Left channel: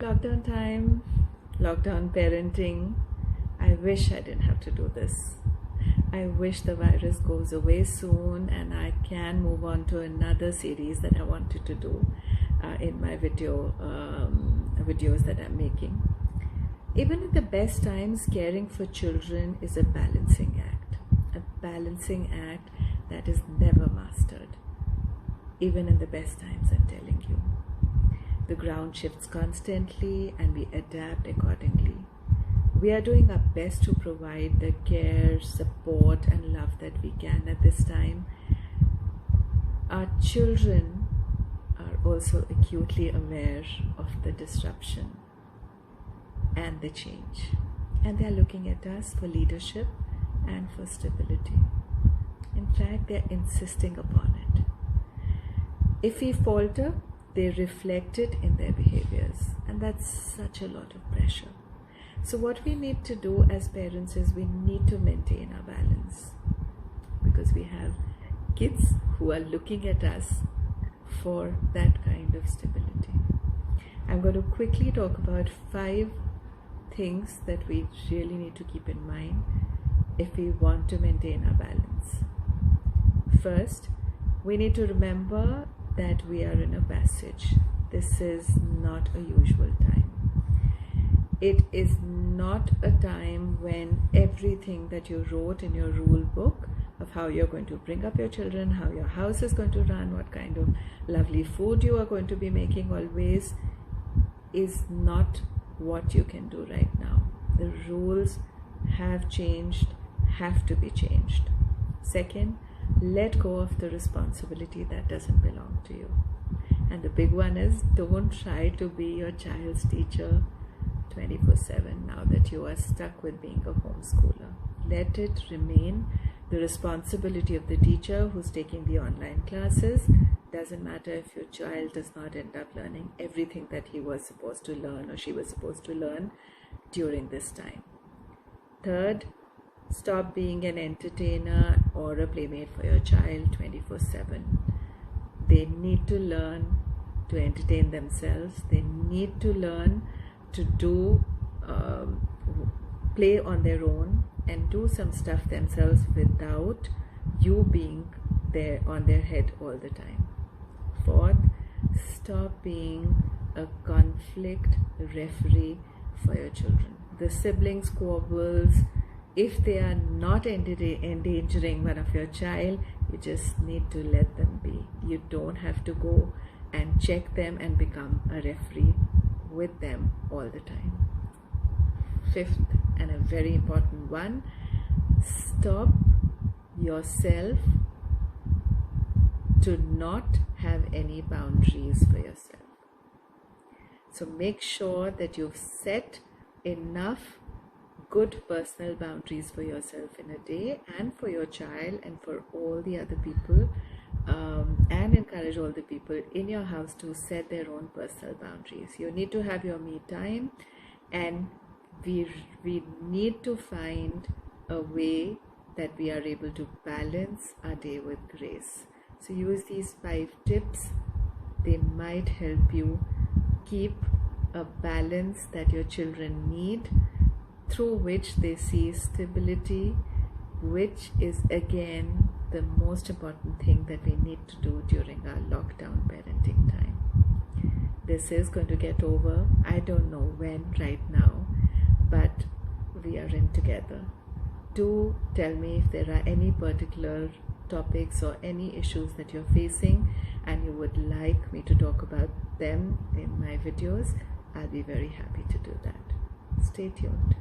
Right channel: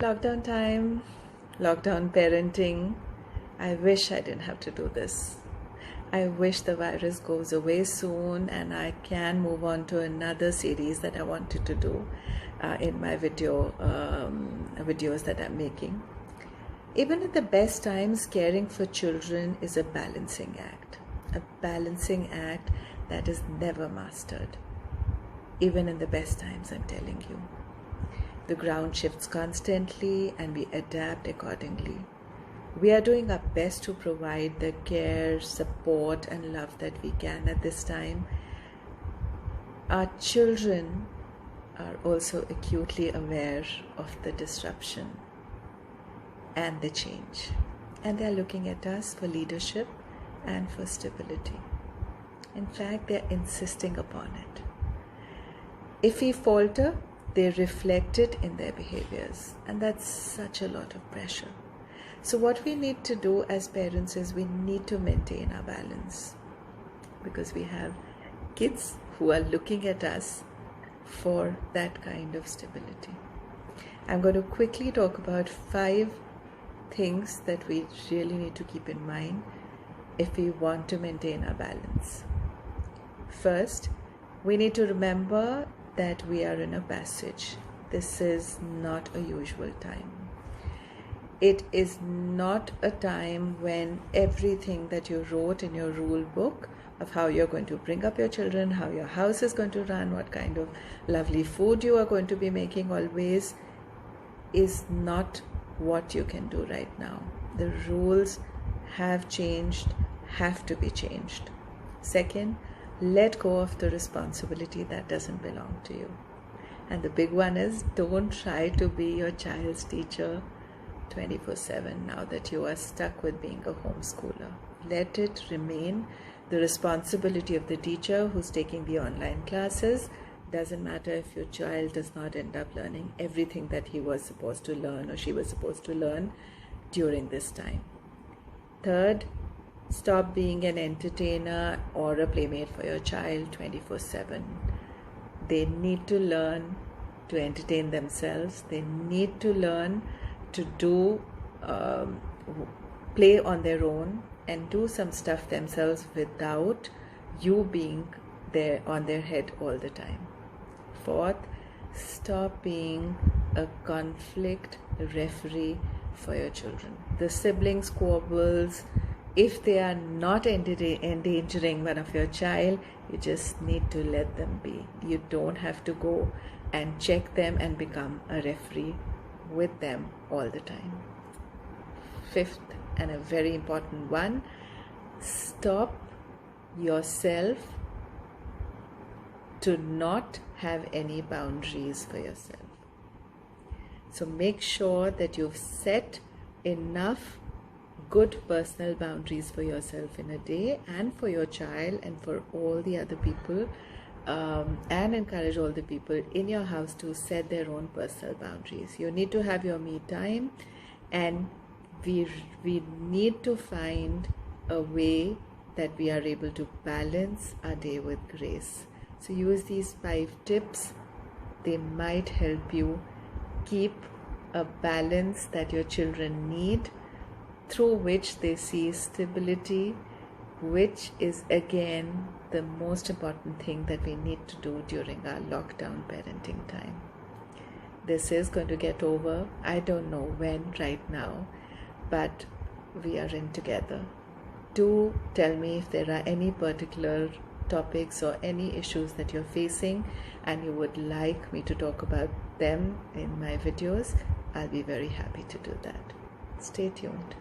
Lockdown time, lockdown parenting. I wish I didn't have to do this. I wish the virus goes away soon and I can move on to another series that I wanted to do in my videos that I'm making. Even in the best times, caring for children is a balancing act that is never mastered. Even in the best times, I'm telling you. The ground shifts constantly and we adapt accordingly. We are doing our best to provide the care, support and love that we can at this time. Our children are also acutely aware of the disruption and the change. And they are looking at us for leadership and for stability. In fact, they are insisting upon it. If we falter, they reflect it in their behaviors, and that's such a lot of pressure. So what we need to do as parents is we need to maintain our balance, because we have kids who are looking at us for that kind of stability. I'm going to quickly talk about 5 things that we really need to keep in mind if we want to maintain our balance. First, we need to remember that we are in a passage. This is not a usual time. It is not a time when everything that you wrote in your rule book of how you're going to bring up your children, how your house is going to run, what kind of lovely food you are going to be making always, is not what you can do right now. The rules have changed, have to be changed. Second, let go of the responsibility that doesn't belong to you. And the big one is, don't try to be your child's teacher 24/7 now that you are stuck with being a homeschooler. Let it remain the responsibility of the teacher who's taking the online classes. Doesn't matter if your child does not end up learning everything that he was supposed to learn or she was supposed to learn during this time. Third, stop being an entertainer or a playmate for your child 24/7. They need to learn to entertain themselves. They need to learn to do play on their own and do some stuff themselves without you being there on their head all the time. Fourth, stop being a conflict referee for your children. The sibling squabbles, if they are not endangering one of your child, you just need to let them be. You don't have to go and check them and become a referee with them all the time. Fifth, and a very important one, stop yourself to not have any boundaries for yourself. So make sure that you've set enough good personal boundaries for yourself in a day and for your child and for all the other people, and encourage all the people in your house to set their own personal boundaries. You need to have your me time, and we need to find a way that we are able to balance our day with grace. So use these 5 tips. They might help you keep a balance that your children need, through which they see stability, which is again the most important thing that we need to do during our lockdown parenting time. This is going to get over. I don't know when right now, but we are in together. Do tell me if there are any particular topics or any issues that you're facing and you would like me to talk about them in my videos. I'll be very happy to do that. Stay tuned.